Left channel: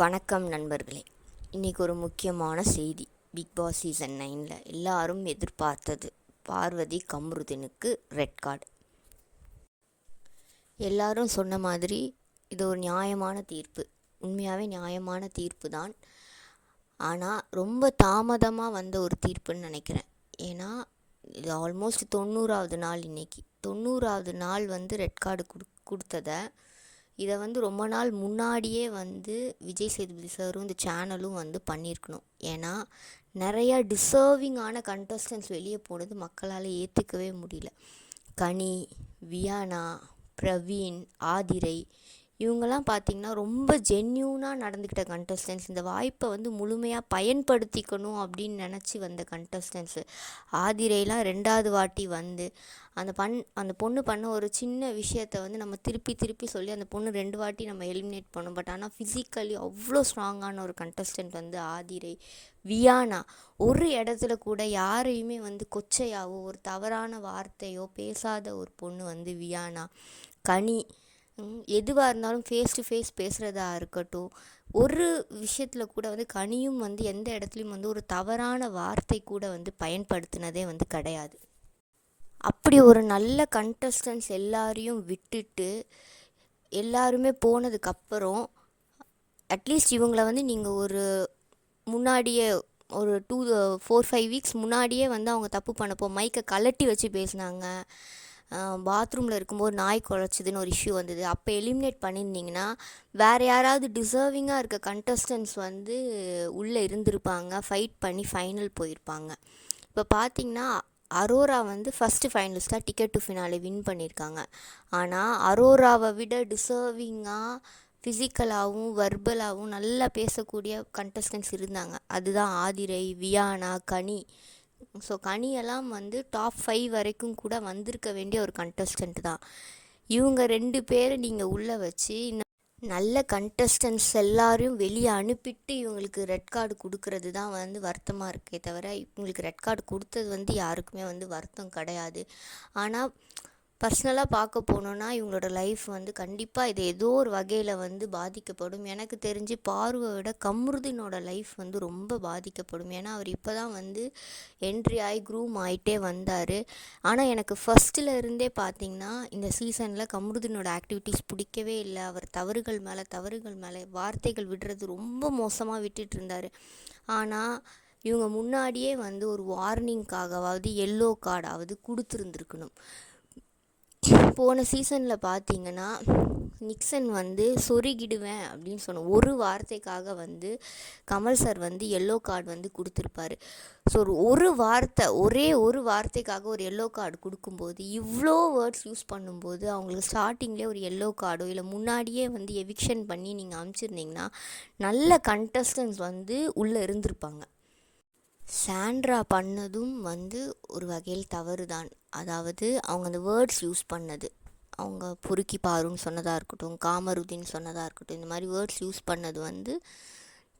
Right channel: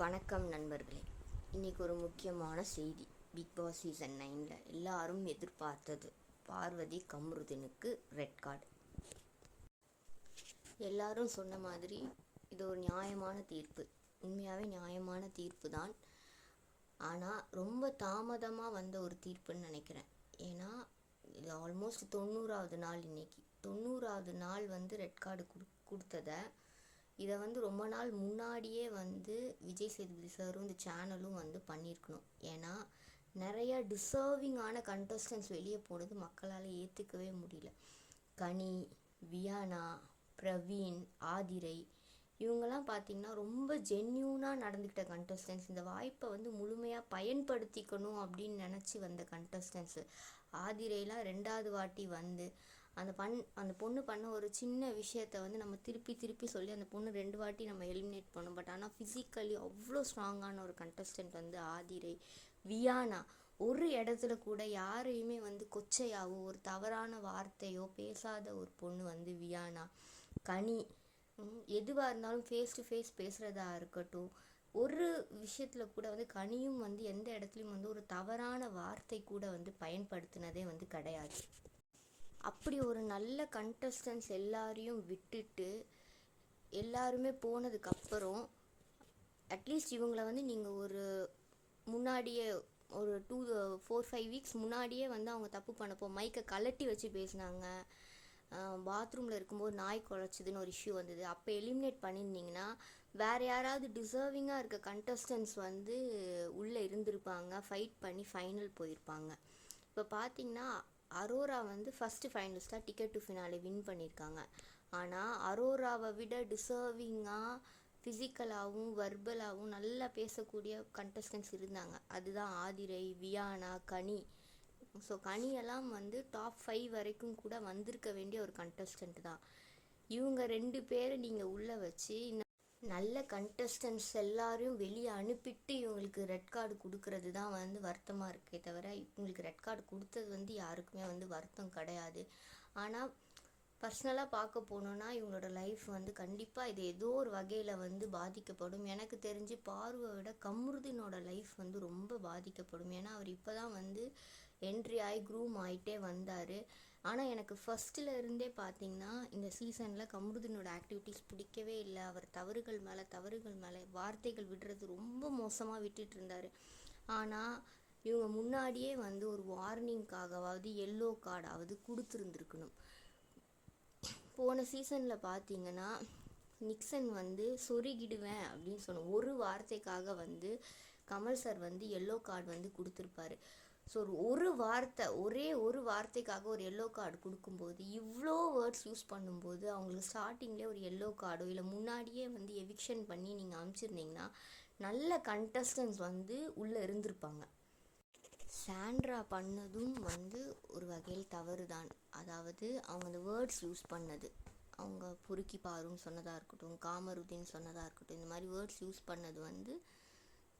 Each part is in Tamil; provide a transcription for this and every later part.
வணக்கம் நண்பர்களே. இன்றைக்கி ஒரு முக்கியமான செய்தி. பிக் பாஸ் சீசன் 9 எல்லாரும் எதிர்பார்த்தது பார்வதி கம்ருதீனுக்கு ரெட் கார்டு. எல்லாரும் சொன்ன மாதிரி இது ஒரு நியாயமான தீர்ப்பு. உண்மையாகவே நியாயமான தீர்ப்பு தான். ஆனால் ரொம்ப தாமதமாக வந்த ஒரு தீர்ப்புன்னு நினைக்கிறேன். ஏன்னா இது ஆல்மோஸ்ட் 90வது நாள். இன்றைக்கி 90வது நாள் ரெட் கார்டு கொடுத்ததை இதை ரொம்ப நாள் முன்னாடியே விஜய் சேதுபதி சாரும் இந்த சேனலும் பண்ணியிருக்கணும். ஏன்னா நிறையா டிசர்விங்கான கண்டஸ்டன்ஸ் வெளியே போனது மக்களால் ஏற்றுக்கவே முடியல. கனி, வியானா, பிரவீன், ஆதிரை இவங்கெல்லாம் பார்த்திங்கன்னா ரொம்ப ஜென்யூனாக நடந்துக்கிட்ட கண்டஸ்டன்ஸ். இந்த வாய்ப்பை முழுமையாக பயன்படுத்திக்கணும் அப்படின்னு நினச்சி வந்த கண்டஸ்டன்ஸு. ஆதிரைலாம் 2வது வாட்டி அந்த பொண்ணு பண்ண ஒரு சின்ன விஷயத்தை நம்ம திருப்பி சொல்லி அந்த பொண்ணு 2 வாட்டி நம்ம எலிமினேட் பண்ணோம். பட் ஆனால் ஃபிசிக்கலி அவ்வளோ ஸ்ட்ராங்கான ஒரு கண்டஸ்டன்ட் ஆதிரை. வியானா ஒரு இடத்துல கூட யாரையுமே கொச்சையாவோ ஒரு தவறான வார்த்தையோ பேசாத ஒரு பொண்ணு வியானா. கனி எதுவாக இருந்தாலும் ஃபேஸ் டு ஃபேஸ் பேசுகிறதா இருக்கட்டும், ஒரு விஷயத்தில் கூட கனியும் எந்த இடத்துலையும் ஒரு தவறான வார்த்தை கூட பயன்படுத்தினதே கிடையாது. அப்படி ஒரு நல்ல கண்டஸ்டன்ஸ் எல்லாரையும் விட்டுட்டு எல்லாருமே போனதுக்கப்புறம் அட்லீஸ்ட் இவங்கள நீங்கள் ஒரு முன்னாடியே ஒரு 4-5 வீக்ஸ் முன்னாடியே அவங்க தப்பு பண்ணப்போ மைக்கை கலட்டி வச்சு பேசினாங்க. பாத்ரூமில் இருக்கும்போது நாய் குலைச்சிதுன்னு ஒரு இஷ்யூ வந்தது. அப்போ எலிமினேட் பண்ணியிருந்தீங்கன்னா வேறு யாராவது டிசர்விங்காக இருக்க கண்டஸ்டன்ஸ் உள்ளே இருந்திருப்பாங்க, ஃபைட் பண்ணி ஃபைனல் போயிருப்பாங்க. இப்போ பார்த்திங்கன்னா அரோரா ஃபஸ்ட்டு ஃபைனலிஸ்ட்டாக டிக்கெட் டு ஃபினாலே வின் பண்ணியிருக்காங்க. ஆனால் அரோராவை விட டிசர்விங்காக ஃபிசிக்கலாகவும் வர்பலாகவும் நல்லா பேசக்கூடிய கண்டஸ்டன்ஸ் இருந்தாங்க. அதுதான் ஆதிரை, வியானா, கனி. ஸோ கனியெல்லாம் டாப் 5 வரைக்கும் கூட வந்திருக்க வேண்டிய ஒரு கண்டஸ்டன்ட் தான். இவங்க 2 பேரை நீங்கள் உள்ளே வச்சு நல்ல கண்டஸ்டன்ஸ் எல்லாரையும் வெளியே அனுப்பிட்டு இவங்களுக்கு ரெட் கார்டு கொடுக்கறது தான் வருத்தமாக இருக்கே தவிர இவங்களுக்கு ரெட் கார்டு கொடுத்தது யாருக்குமே வருத்தம் கிடையாது. ஆனால் பர்சனலாக பார்க்க போனோன்னா இவங்களோட லைஃப் கண்டிப்பாக இது ஏதோ ஒரு வகையில் பாதிக்கப்படும். எனக்கு தெரிஞ்சு பார்வை விட கம்ருதீனோட லைஃப் ரொம்ப பாதிக்கப்படும். ஏன்னா அவர் இப்போ தான் என்ட்ரி ஆகி க்ரூம் ஆகிட்டே வந்தார். ஆனால் எனக்கு ஃபஸ்ட்டில் இருந்தே பார்த்திங்கன்னா இந்த சீசனில் கம்ருதீனோட ஆக்டிவிட்டீஸ் பிடிக்கவே இல்லை. அவர் தவறுகள் மேலே வார்த்தைகள் விடுறது ரொம்ப மோசமாக விட்டுட்டு இருந்தார். ஆனால் இவங்க முன்னாடியே ஒரு வார்னிங்காகவாவது எல்லோ கார்டாவது கொடுத்துருந்துருக்கணும். போன சீசனில் பார்த்தீங்கன்னா நிக்சன் சொருகிடுவேன் அப்படின்னு சொன்ன ஒரு வார்த்தைக்காக கமல் சார் எல்லோ கார்டு கொடுத்துருப்பாரு. ஸோ ஒரு வார்த்தை, ஒரே ஒரு வார்த்தைக்காக ஒரு எல்லோ கார்டு கொடுக்கும்போது இவ்வளோ வேர்ட்ஸ் யூஸ் பண்ணும்போது அவங்களுக்கு ஸ்டார்டிங்லேயே ஒரு எல்லோ கார்டோ இல்லை முன்னாடியே எவிக்ஷன் பண்ணி நீங்கள் அனுப்பிச்சிருந்தீங்கன்னா நல்ல கண்டஸ்டன்ஸ் உள்ளே இருந்திருப்பாங்க. சாண்ட்ரா பண்ணதும் ஒரு வகையில் தவறு தான். அதாவது அவங்க அந்த வேர்ட்ஸ் யூஸ் பண்ணது, அவங்க பொறுக்கி பாருன்னு சொன்னதாக இருக்கட்டும், காமருதீன் சொன்னதாக இருக்கட்டும், இந்த மாதிரி வேர்ட்ஸ் யூஸ் பண்ணது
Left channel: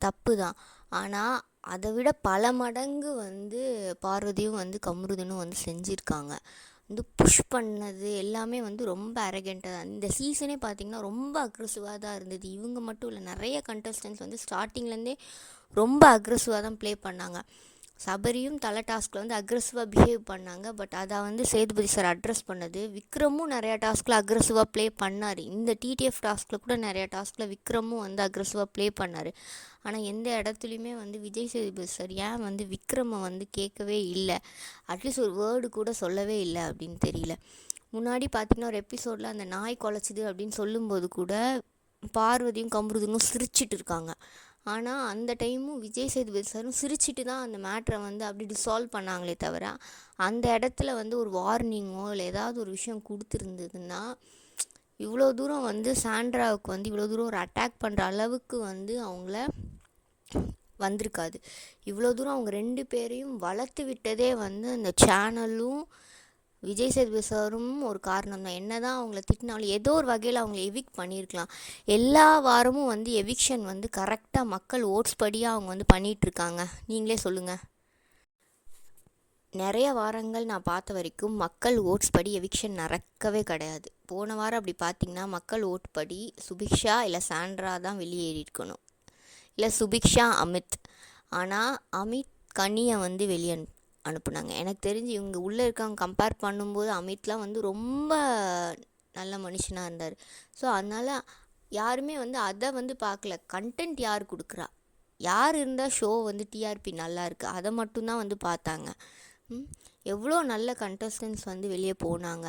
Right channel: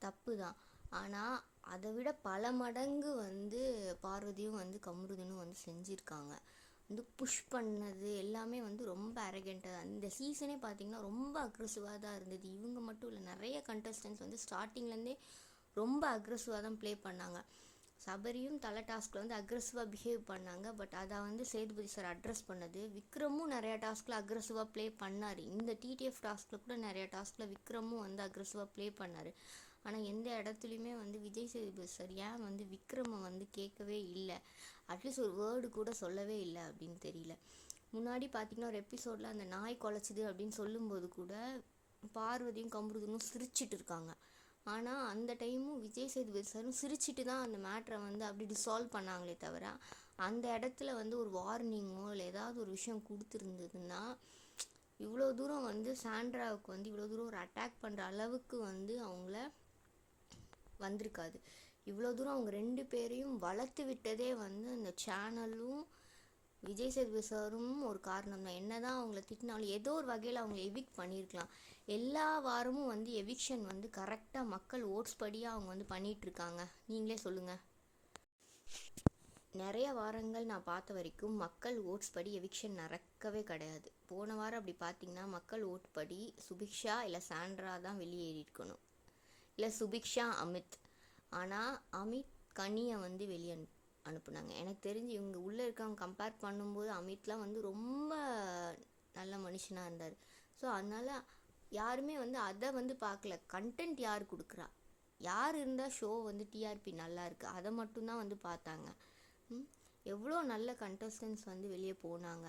தப்பு தான். ஆனால் அதை விட பல மடங்கு பார்வதியும் கம்ருதீனும் செஞ்சுருக்காங்க. புஷ் பண்ணது எல்லாமே ரொம்ப அரகெண்ட்டாக தான். இந்த சீசனே பார்த்திங்கன்னா ரொம்ப அக்ரெசிவாக தான் இருந்தது. இவங்க மட்டும் இல்லை, நிறைய கண்டஸ்டன்ஸ் ஸ்டார்டிங்லேருந்தே ரொம்ப அக்ரெசிவாக தான் ப்ளே பண்ணாங்க. சபரியும் தலை டாஸ்கில் அக்ரெசிவாக பிஹேவ் பண்ணாங்க. பட் அதை சேதுபதி சார் அட்ரஸ் பண்ணது. விக்ரமும் நிறையா டாஸ்கில் அக்ரெசிவாக ப்ளே பண்ணார். இந்த டிடிஎஃப் டாஸ்கில் கூட நிறையா டாஸ்கில் விக்ரமும் அக்ரெசிவாக ப்ளே பண்ணார். ஆனால் எந்த இடத்துலையுமே விஜய் சேதுபதி சார் ஏன் விக்ரமை கேட்கவே இல்லை, அட்லீஸ்ட் ஒரு வேர்டு கூட சொல்லவே இல்லை அப்படின்னு தெரியல. முன்னாடி பார்த்திங்கன்னா ஒரு எபிசோடில் அந்த நாய் குலைச்சிது அப்படின்னு சொல்லும்போது கூட பார்வதியும் கம்ருதீனும் சிரிச்சிட்டு இருக்காங்க. ஆனால் அந்த டைமும் விஜய் சேதுபதி சாரும் சிரிச்சிட்டு தான் அந்த மேட்ரை அப்படி டிசால்வ் பண்ணாங்களே தவிர அந்த இடத்துல ஒரு வார்னிங்கோ இல்லை ஏதாவது ஒரு விஷயம் கொடுத்துருந்ததுன்னா இவ்வளோ தூரம் சாண்ட்ராவுக்கு இவ்வளோ தூரம் ஒரு அட்டாக் பண்ணுற அளவுக்கு அவங்கள வந்திருக்காது. இவ்வளோ தூரம் அவங்க 2 பேரையும் வளர்த்து விட்டதே அந்த சேனலும் விஜய் சேதுபதி சாரும் ஒரு காரணம் தான். என்ன தான் அவங்கள திட்டினாலும் ஏதோ ஒரு வகையில் அவங்கள எவிக்ட் பண்ணியிருக்கலாம். எல்லா வாரமும் எவிக்ஷன் கரெக்டாக மக்கள் ஓட்ஸ் படியாக அவங்க பண்ணிகிட்ருக்காங்க. நீங்களே சொல்லுங்கள். நிறைய வாரங்கள் நான் பார்த்த வரைக்கும் மக்கள் ஓட்ஸ் படி எவிக்ஷன் நடக்கவே கிடையாது. போன வாரம் அப்படி பார்த்திங்கன்னா மக்கள் ஓட் படி சுபிக்ஷா இல்லை சாண்ட்ரா தான் வெளியேறியிருக்கணும். இல்லை சுபிக்ஷா அமித். ஆனால் அமித் கனியை வந்து வெளியே அனுப்புனாங்க. எனக்கு தெரிஞ்சு இவங்க உள்ளே இருக்காங்க கம்பேர் பண்ணும்போது அமித்லாம் வந்து ரொம்ப நல்ல மனுஷனாக இருந்தார். ஸோ அதனால் யாருமே வந்து அதை வந்து பார்க்கல, கண்டென்ட் யார் கொடுக்குறா, யார் இருந்தால் ஷோ வந்து டிஆர்பி நல்லா இருக்குது, அதை மட்டும்தான் வந்து பார்த்தாங்க. எவ்வளோ நல்ல கண்டஸ்டன்ஸ் வந்து வெளியே போனாங்க.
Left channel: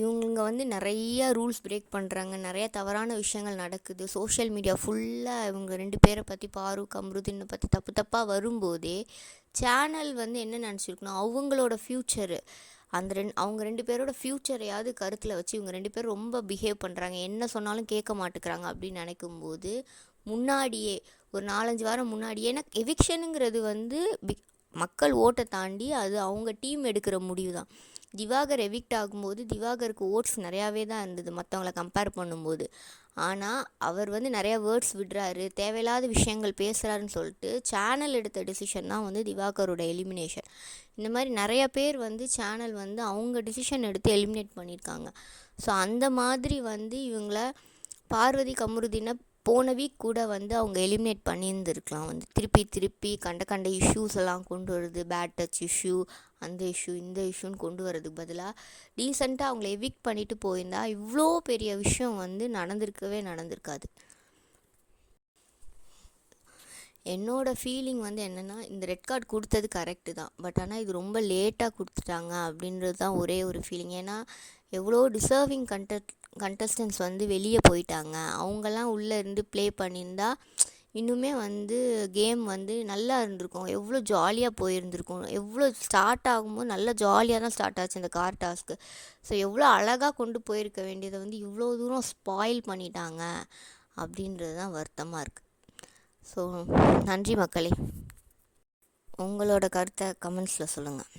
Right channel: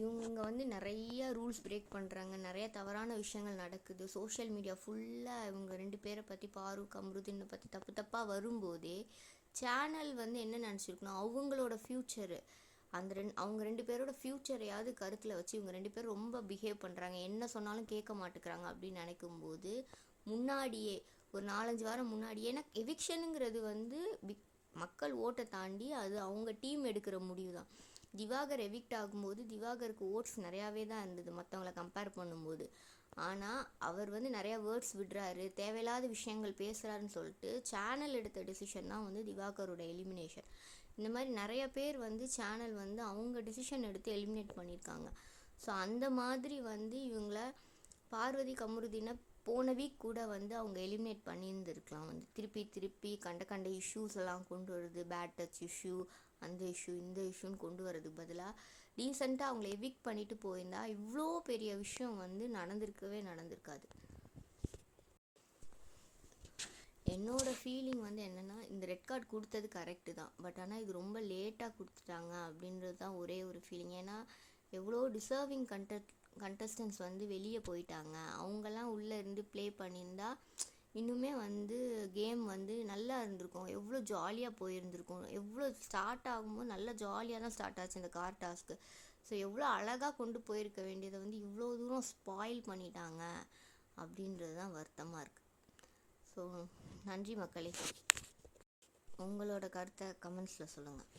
இவங்க வந்து நிறைய ரூல்ஸ் பிரேக் பண்ணுறாங்க, நிறைய தவறான விஷயங்கள் நடக்குது. சோஷியல் மீடியா ஃபுல்லாக இவங்க 2 பேரை பற்றி, ஃபாரூக் கம்ருதீனை பற்றி தப்பாக வரும்போதே சேனல் வந்து என்ன நினச்சிருக்கணும், அவங்களோட ஃப்யூச்சரு, அவங்க 2 பேரோட ஃப்யூச்சரையாவது கருத்தில் வச்சு இவங்க 2 பேரும் ரொம்ப பிஹேவ் பண்ணுறாங்க, என்ன சொன்னாலும் கேட்க மாட்டேங்கிறாங்க அப்படின்னு நினைக்கும்போது முன்னாடியே ஒரு 4-5 வாரம் முன்னாடியே, ஏன்னா எவிக்ஷனுங்கிறது வந்து மக்கள் ஓட்டை தாண்டி அது அவங்க டீம் எடுக்கிற முடிவு தான். திவாகர் எவிக்ட் ஆகும்போது திவாகருக்கு ஓட்ஸ் நிறையாவே தான் இருந்தது மற்றவங்கள கம்பேர் பண்ணும்போது. ஆனால் அவர் வந்து நிறையா வேர்ட்ஸ் விடுறாரு, தேவையில்லாத விஷயங்கள் பேசுகிறாருன்னு சொல்லிட்டு சேனல் எடுத்த டிசிஷன் தான் வந்து திவாகரோட எலிமினேஷன். இந்த மாதிரி நிறையா பேர் வந்து சேனல் வந்து அவங்க டிசிஷன் எடுத்து எலிமினேட் பண்ணியிருக்காங்க. ஸோ அந்த மாதிரி வந்து இவங்கள பார்வதி கமருதீனை போன வீக் கூட வந்து அவங்க எலிமினேட் பண்ணியிருந்துருக்கலாம். வந்து திருப்பி கண்ட இஷ்யூஸ் எல்லாம் கொண்டு வருது, பேட் டச் இஷ்யூ, அந்த இஷ்யூ இந்த இஷ்யூன்னு கொண்டு வரதுக்கு பதிலாக டீசெண்டாக அவங்கள எவிக்ட் பண்ணிட்டு போயிருந்தா இவ்வளோ பெரிய விஷயம் வந்து நடந்திருக்காது. என்னோடய ஃபீலிங் வந்து என்னென்னா, இந்த ரெட் கார்டு கொடுத்தது கரெக்டு தான், பட் ஆனால் இது ரொம்ப லேட்டாக கொடுத்துட்டாங்க அப்படின்றது தான் ஒரே ஒரு ஃபீலிங். ஏன்னா எவ்வளோ டிசர்விங் கண்டஸ்டன்ஸ் வந்து வெளியே போயிட்டாங்க, அவங்கெல்லாம் உள்ளே இருந்து ப்ளே பண்ணியிருந்தா இன்னுமே வந்து கேம் வந்து நல்லா இருந்திருக்கும், எவ்வளோ ஜாலியாக போயிருந்திருக்கும். எவ்வளோ ஸ்டார்ட் ஆகும்போது நல்லா ஜாலியாக தான் ஸ்டார்ட் ஆச்சு இந்த கார் டாஸ்க்கு. ஸோ எவ்வளோ அழகாக கொண்டு போயிருக்க வேண்டியதை வந்து இவ்வளோ தூரம் ஸ்பாயில் பண்ணிட்டாங்க அப்படின்றது தான் வருத்தமாக இருக்குது. ஸோ நன்றி மக்களே, உங்களோட கருத்தை கமெண்ட்ஸில் சொல்லுங்கள்.